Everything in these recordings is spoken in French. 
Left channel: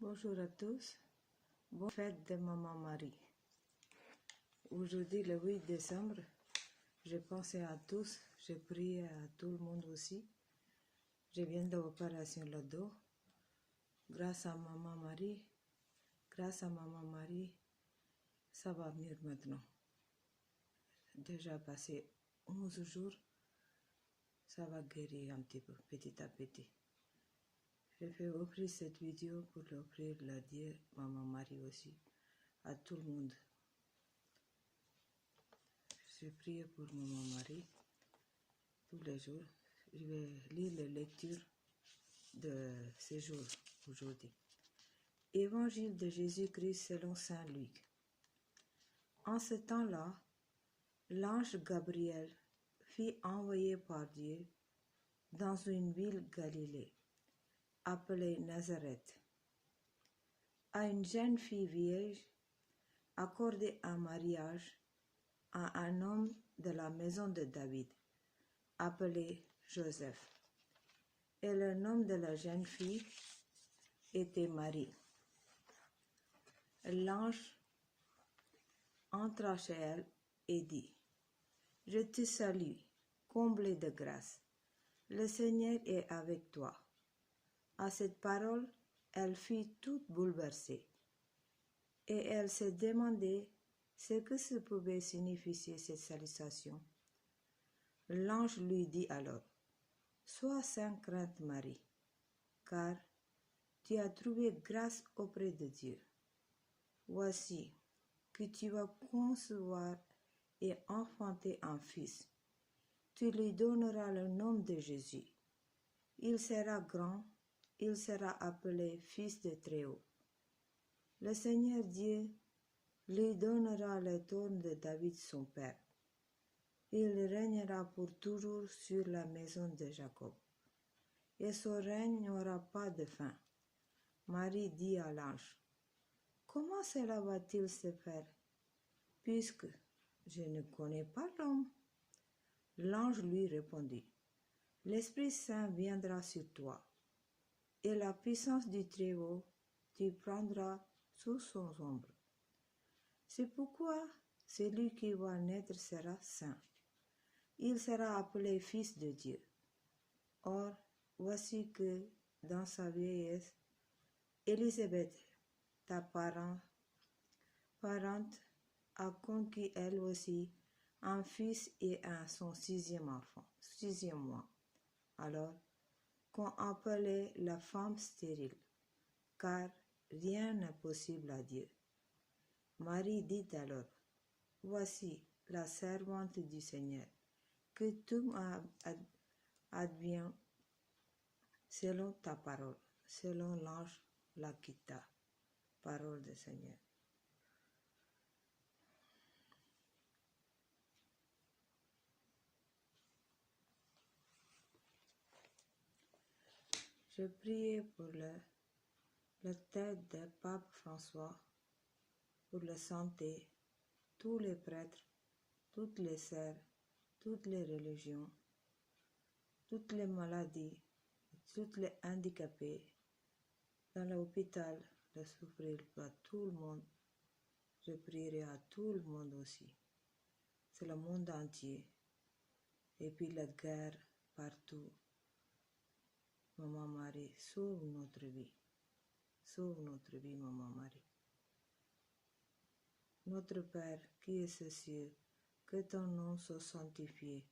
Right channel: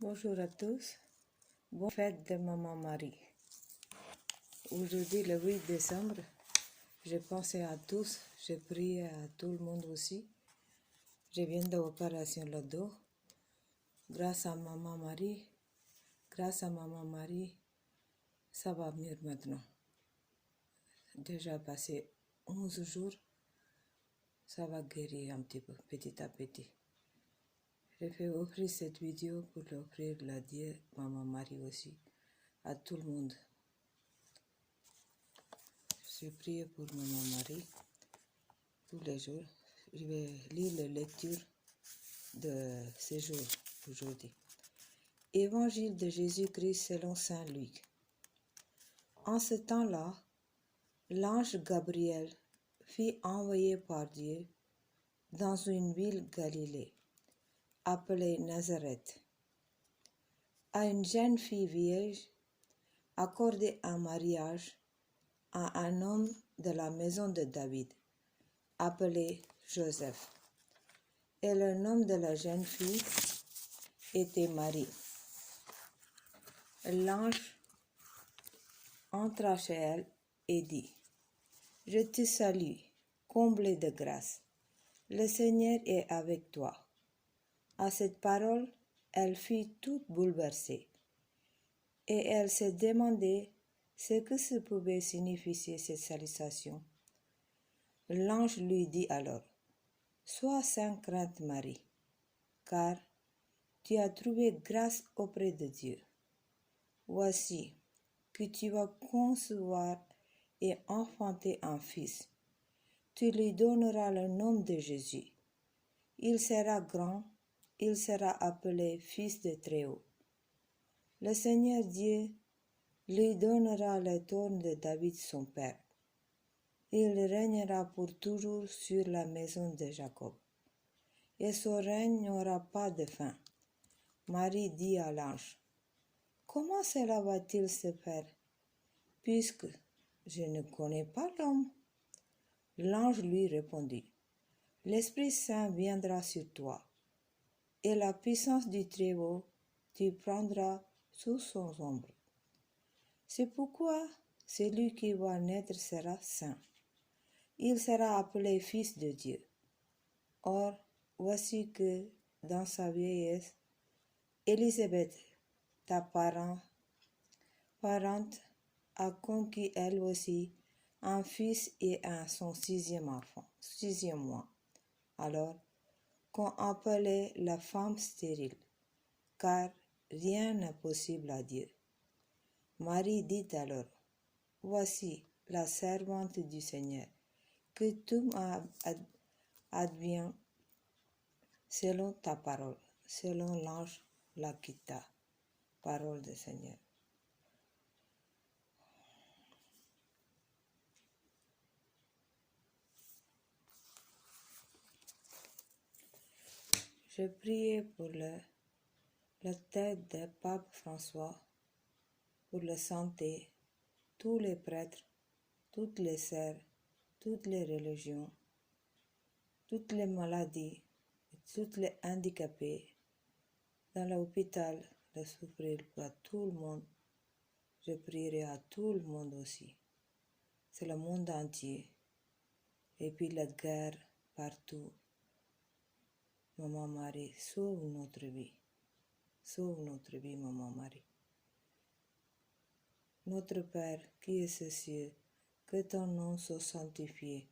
Bonjour à tous, bonne fête de Maman Marie. Aujourd'hui, le 8 décembre, j'ai pensé à tous, j'ai prié à tout le monde aussi. Je viens de l'opération le dos. Grâce à Maman Marie, ça va mieux maintenant. Déjà passé 11 jours, ça va guérir un petit peu, petit à petit. Je fais offrir cette vidéo pour l'offrir la Dieu, Maman Marie aussi, à tout le monde. Je prie pour Maman Marie tous les jours. Je vais lire les lectures de ces jours aujourd'hui. Évangile de Jésus-Christ selon Saint Luc. En ce temps-là, l'ange Gabriel fut envoyé par Dieu dans une ville Galilée, appelée Nazareth, à une jeune fille vierge accordée en mariage à un homme de la maison de David, appelé Joseph. Et le nom de la jeune fille était Marie. L'ange entra chez elle et dit: Je te salue, comblée de grâce. Le Seigneur est avec toi. À cette parole, elle fut toute bouleversée, et elle se demandait ce que pouvait signifier cette salutation. L'ange lui dit alors: Sois sans crainte, Marie, car tu as trouvé grâce auprès de Dieu. Voici que tu vas concevoir et enfanter un fils. Tu lui donneras le nom de Jésus. Il sera grand, il sera appelé Fils de Très-Haut. Le Seigneur Dieu lui donnera le trône de David son père. Il régnera pour toujours sur la maison de Jacob, et son règne n'aura pas de fin. Marie dit à l'ange: Comment cela va-t-il se faire, puisque je ne connais pas l'homme? L'ange lui répondit: L'Esprit Saint viendra sur toi, et la puissance du Très-Haut tu prendras sous son ombre. C'est pourquoi celui qui va naître sera saint. Il sera appelé Fils de Dieu. Or, voici que dans sa vieillesse, Élisabeth, ta parente, a conquis elle aussi un fils et à son sixième mois. Alors qu'on appelait la femme stérile, car rien n'est possible à Dieu. Marie dit alors: Voici la servante du Seigneur, que tout m'advienne selon ta parole. Selon l'ange la quitta. Parole du Seigneur. Je prie pour la tête du pape François, pour la santé, tous les prêtres, toutes les sœurs, toutes les religions, toutes les maladies, toutes les handicapés, dans l'hôpital, de souffrir pour tout le monde. Je prierai à tout le monde aussi. C'est le monde entier. Et puis la guerre partout. Maman Marie, sauve notre vie. Sauve notre vie, Maman Marie. Notre Père qui es aux cieux, que ton nom soit sanctifié,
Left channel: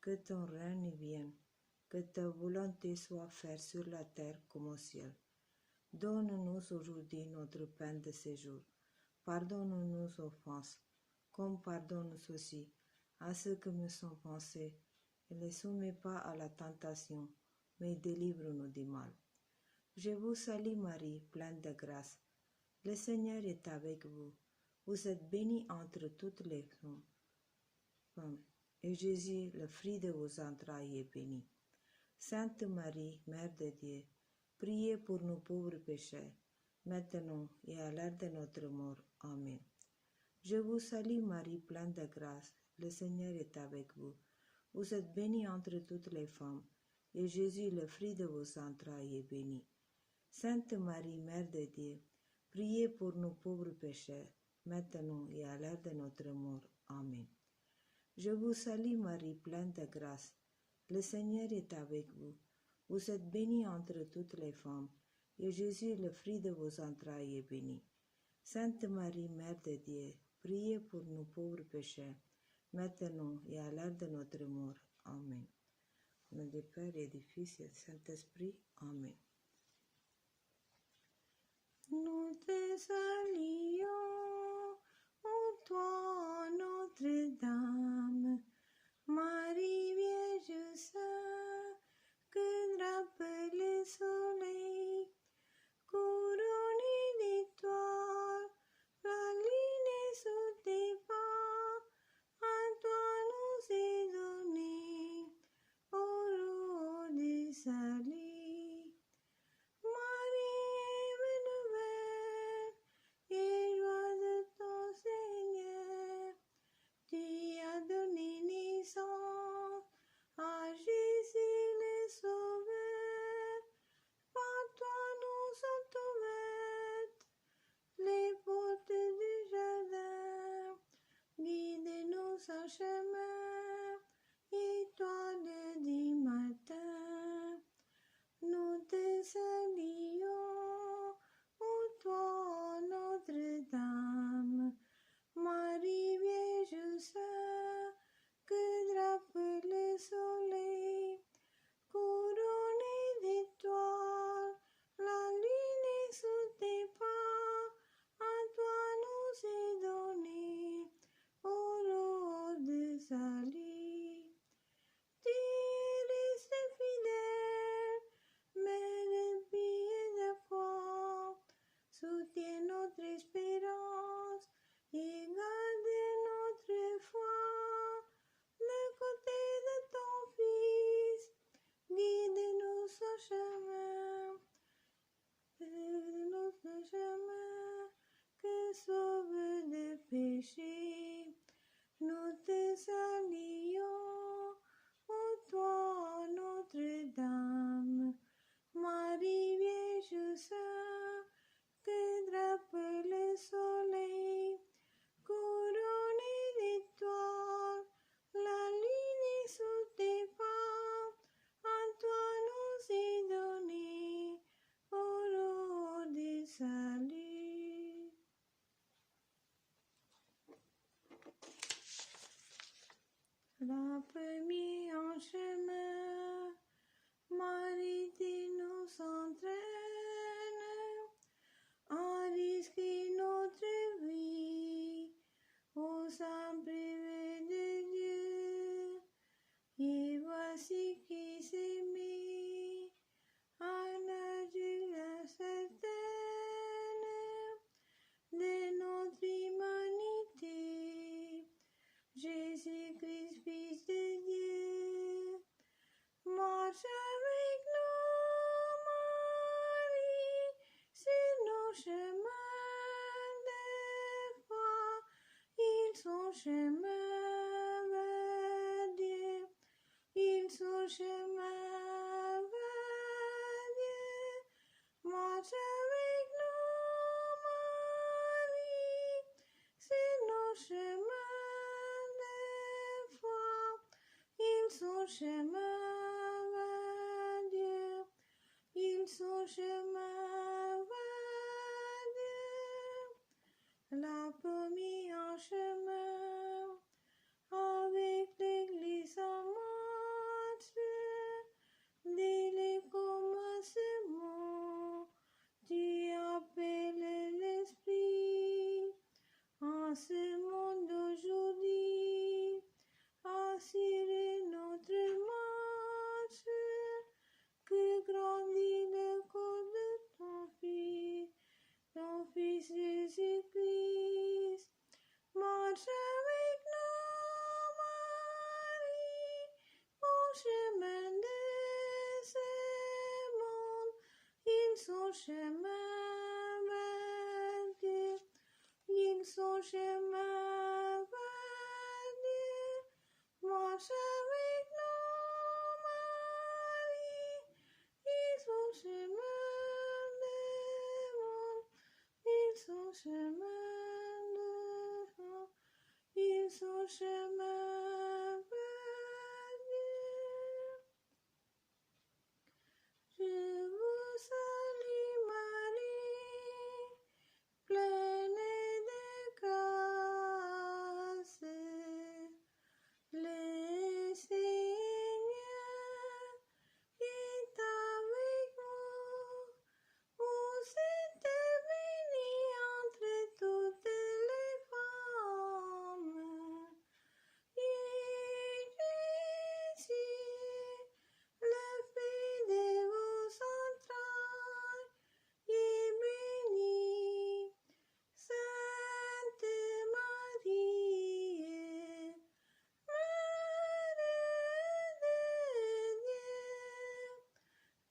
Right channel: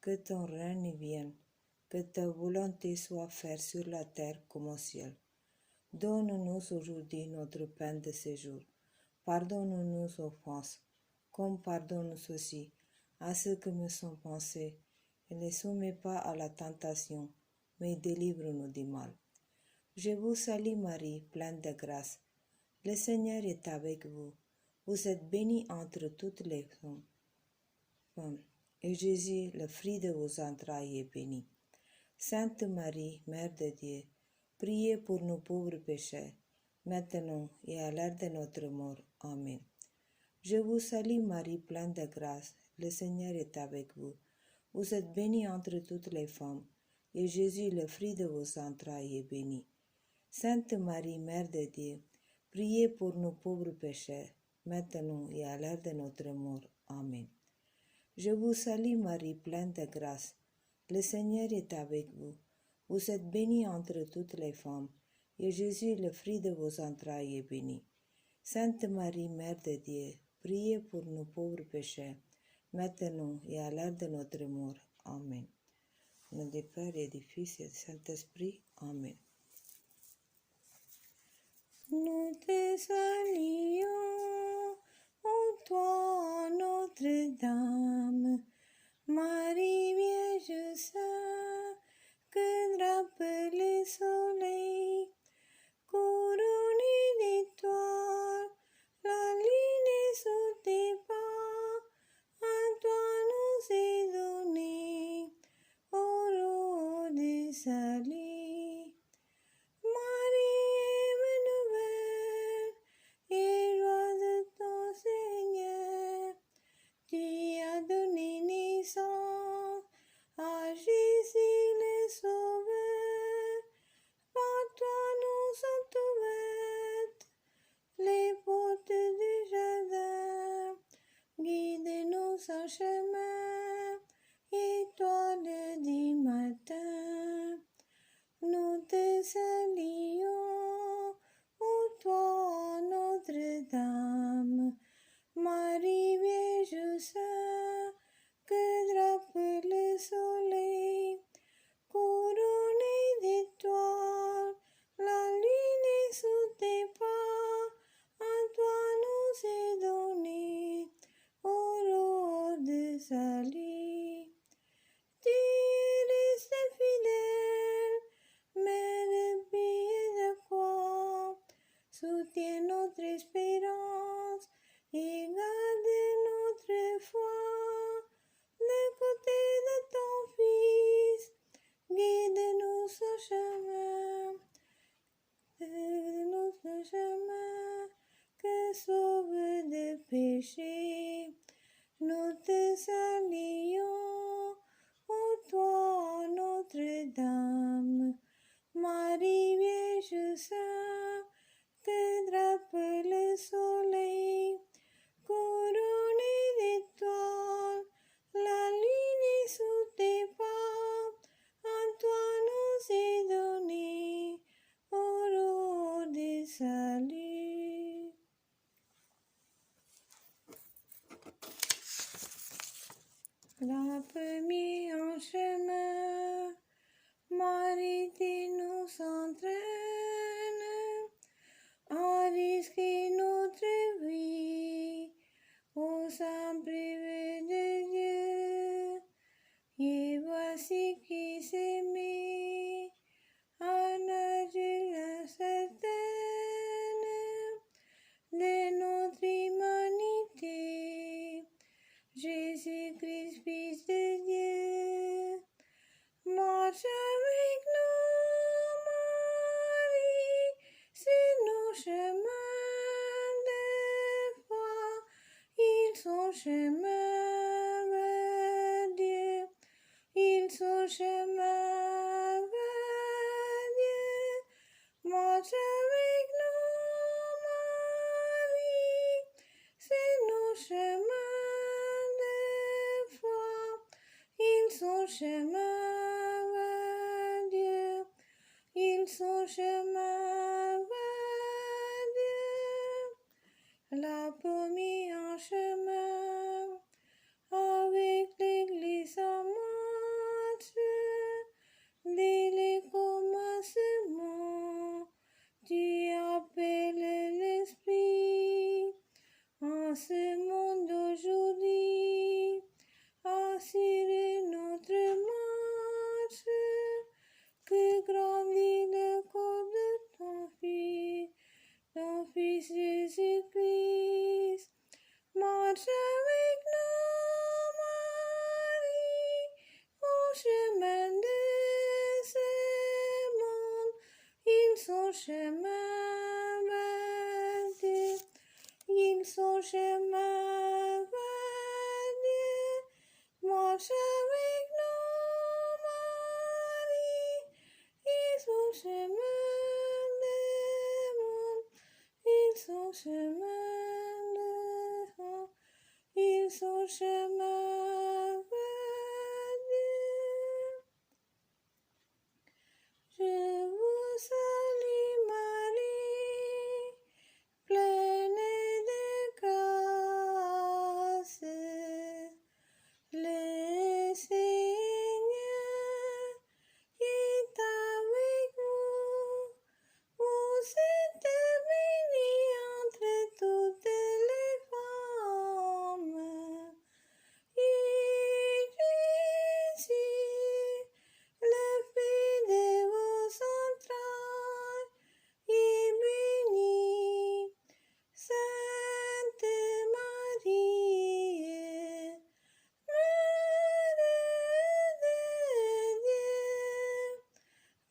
que ton règne vienne, que ta volonté soit faite sur la terre comme au ciel. Donne-nous aujourd'hui notre pain de ce jour. Pardonne-nous nos offenses, comme pardonne-nous aussi à ceux qui nous sont pensés, et ne soumets pas à la tentation, mais délivre-nous du mal. Je vous salue Marie, pleine de grâce. Le Seigneur est avec vous. Vous êtes bénie entre toutes les femmes, et Jésus, le fruit de vos entrailles, est béni. Sainte Marie, Mère de Dieu, priez pour nous pauvres pécheurs, maintenant et à l'heure de notre mort. Amen. Je vous salue Marie, pleine de grâce. Le Seigneur est avec vous. Vous êtes bénie entre toutes les femmes, et Jésus, le fruit de vos entrailles, est béni. Sainte Marie, Mère de Dieu, priez pour nous pauvres pécheurs, maintenant et à l'heure de notre mort. Amen. Je vous salue Marie, pleine de grâce. Le Seigneur est avec vous. Vous êtes bénie entre toutes les femmes, et Jésus, le fruit de vos entrailles, est béni. Sainte Marie, Mère de Dieu, priez pour nous pauvres pécheurs, maintenant et à l'heure de notre mort. Amen. Au nom du Père et du Fils et du Saint-Esprit. Amen. Nous te saluons, ô toi, Notre-Dame, Marie Vierge Sainte, que drape le soleil, couronnée d'étoiles, la lune sous tes pas, à toi nous est donné, ô de salut. Marie est nouvelle, et roi de ton Seigneur, tu as donné naissance à Jésus le Sauveur. Par toi nous sont ouvertes les portes du jardin. Guide-nous en chemin, étoile du matin. Nous te saluons, ô toi, Notre-Dame, Marie Vierge Sainte, que drape le soleil, couronnée d'étoiles, la lune est sous tes pas, à toi nous est donné, ô de salut. Tu es resté fidèle, Mère pie de foi, soutiens notre espérance et garde notre foi. De côté de ton Fils, guide-nous au chemin, notre chemin, que sauve de péché. Nous te saluons, ô toi, Notre-Dame, Marie Vierge Sainte, que drape le soleil, couronnée d'étoiles, la lune est sous tes pas, à toi nous est donné, ô de salut. La première en chemin, Marie tu nous entraînes à risquer notre vie au sein privé de Dieu. Et voici qui s'aimait à nager certaine de notre humanité. Jésus-Christ, Fils de Dieu, marche avec nous, Marie, sur nos chemins de foi. Ils sont chemin vers Dieu, ils sont chemin vers Dieu. Marche avec nous, Marie, sur nos chemins de foi. Ils sont chemin vers Dieu, ils sont chemin vers Dieu. La première en chemin, avec l'Église en marche, dès les commencements, tu appelles l'Esprit en ce monde d'aujourd'hui. Assurer notre marche, que grandit le corps de ton Fils Jésus-Christ. Marche avec nous, Marie, au chemin de ce monde. Ils sont chemin vers Dieu, ils sont chemin vers Dieu. Marche avec nous, Marie, ils sont chemin de son chemin, ils sont chemin vers Dieu. Je vous salue Marie, pleine de grâce. Le Seigneur est avec vous. Vous êtes bénie entre toutes les femmes. Et Jésus, le fruit de vos entrailles, est béni. Sainte Marie, Mère de Dieu,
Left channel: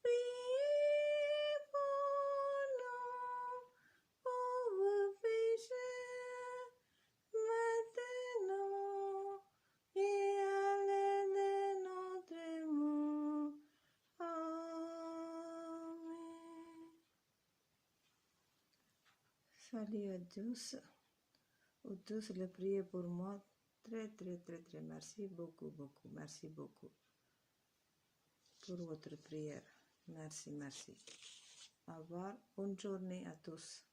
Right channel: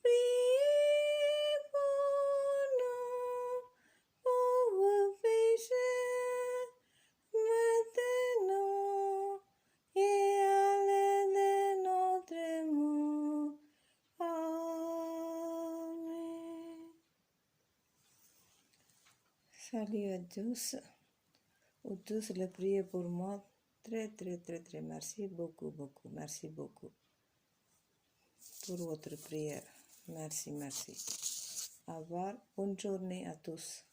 priez pour nous pauvres pécheurs, maintenant et à l'heure de notre mort. Amen. Salut à tous. Vous tous le priez pour moi. Très, très, très, très merci beaucoup, beaucoup. Merci beaucoup pour votre prière. Merci, merci. Au revoir. Bonne journée à tous.